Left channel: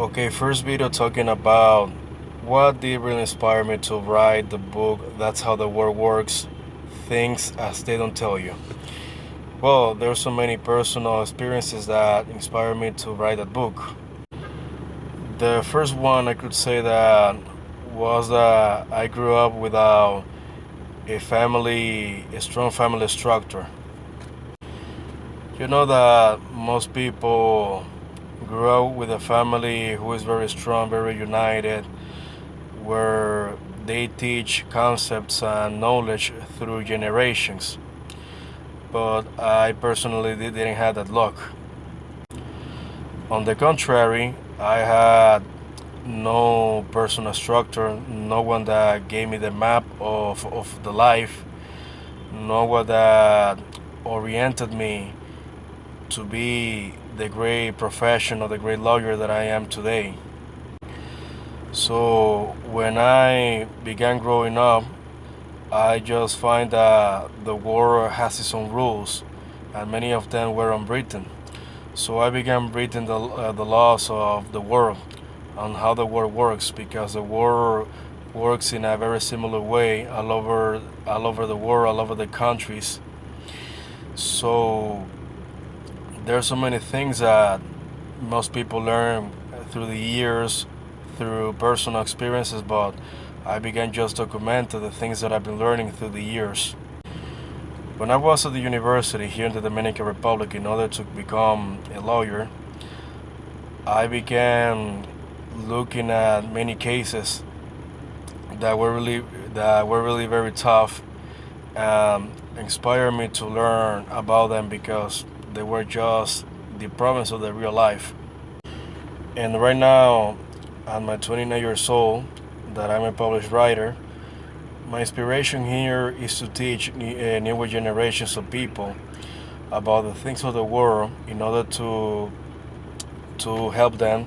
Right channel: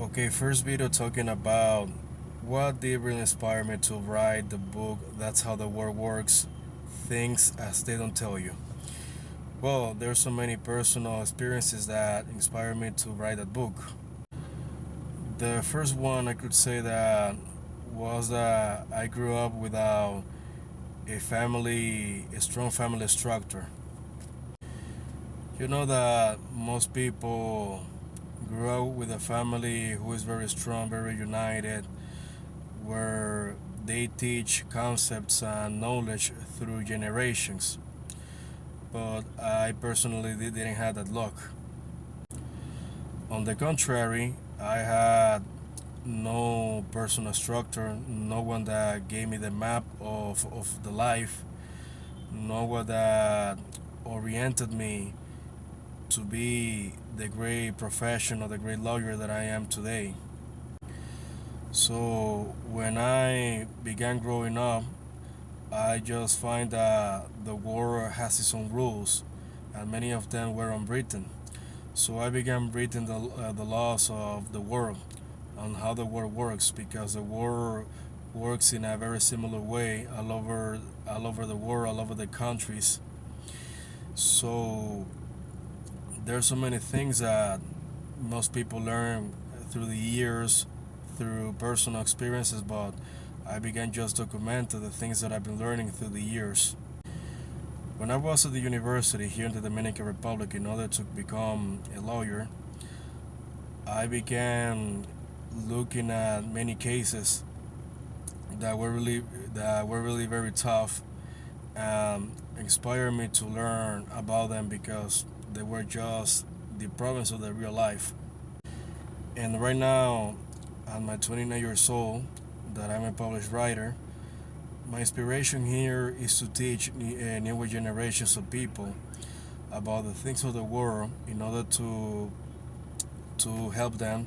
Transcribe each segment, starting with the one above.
Okay, first video talking about what did really inspire me to write the book That's How the World Works, Things As They Don't Tell You. Well, there are so many personal experiences that inspired me to write that book. The first one I could say that was that I grew up without a strong family structure. You know that most people grew up with a family who is very strong, very united, where they teach concepts and knowledge through generations. But I personally didn't have that luck. On the contrary, I had no personal structure, no one that gave me the map of the life, no one that oriented me to be the great professional, the great lawyer that I am today. So when I began growing up, I just find that the world has its own rules, and many of them were unwritten. So I began reading the laws of the world, on how the world works, because the world works in a very similar way all over the world, all over the countries. So there's so many things that most people learn through the years, through personal experiences, but I began just documenting the things that I've been learning through the years. When I was at the university here in the Dominican Republic, in order to become a lawyer, I began looking at many cases that were really very tough, and inspired me to learn about them because they were just the problems of the real life. And right now, at my 29 years old, that I'm a published writer, my inspiration here is to teach newer generations of people about the things of the world in order to help them,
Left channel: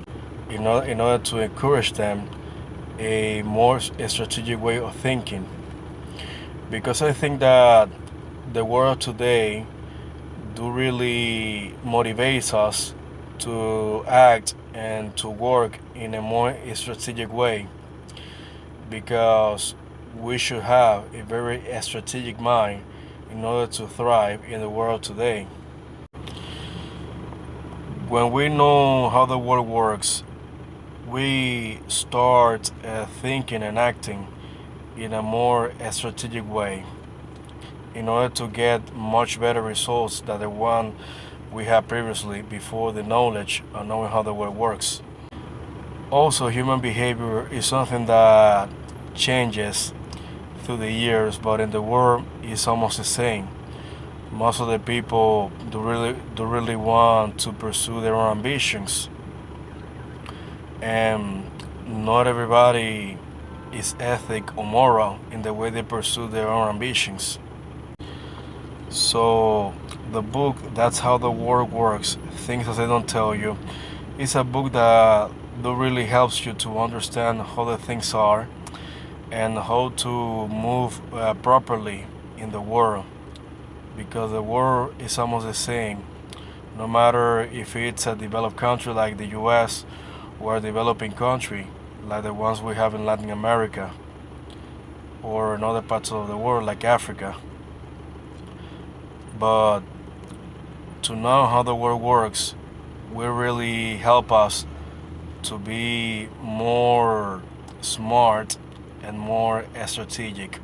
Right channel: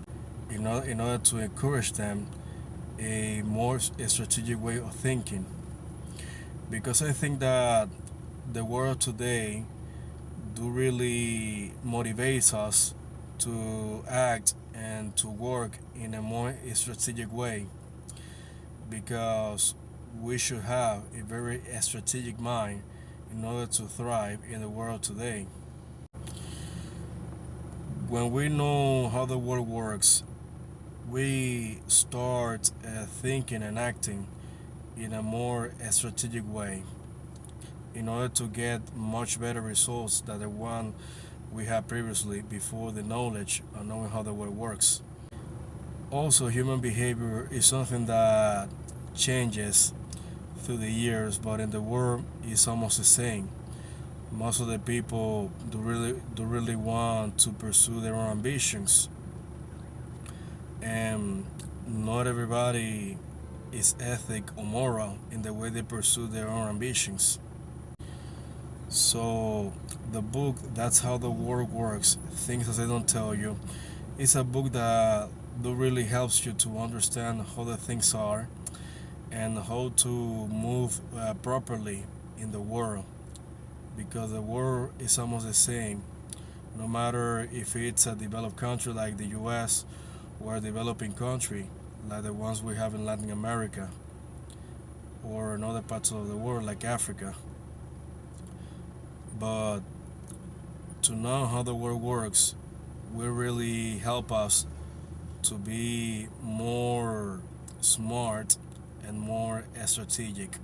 in order to encourage them a more strategic way of thinking. Because I think that the world today do really motivates us to act and to work in a more strategic way, because we should have a very strategic mind in order to thrive in the world today. When we know how the world works, we start thinking and acting in a more strategic way in order to get much better results than the one we had previously before the knowledge of knowing how the world works. Also, human behavior is something that changes through the years, but in the world it's almost the same. Most of the people do really want to pursue their own ambitions, and not everybody is ethic or moral in the way they pursue their own ambitions. So the book That's How the World Works, Things That They Don't Tell You, is a book that really helps you to understand how the things are and how to move properly in the world, because the world is almost the same, no matter if it's a developed country like the US or a developing country like the ones we have in Latin America or in other parts of the world like Africa. But to know how the world works will really help us to be more smart and more strategic.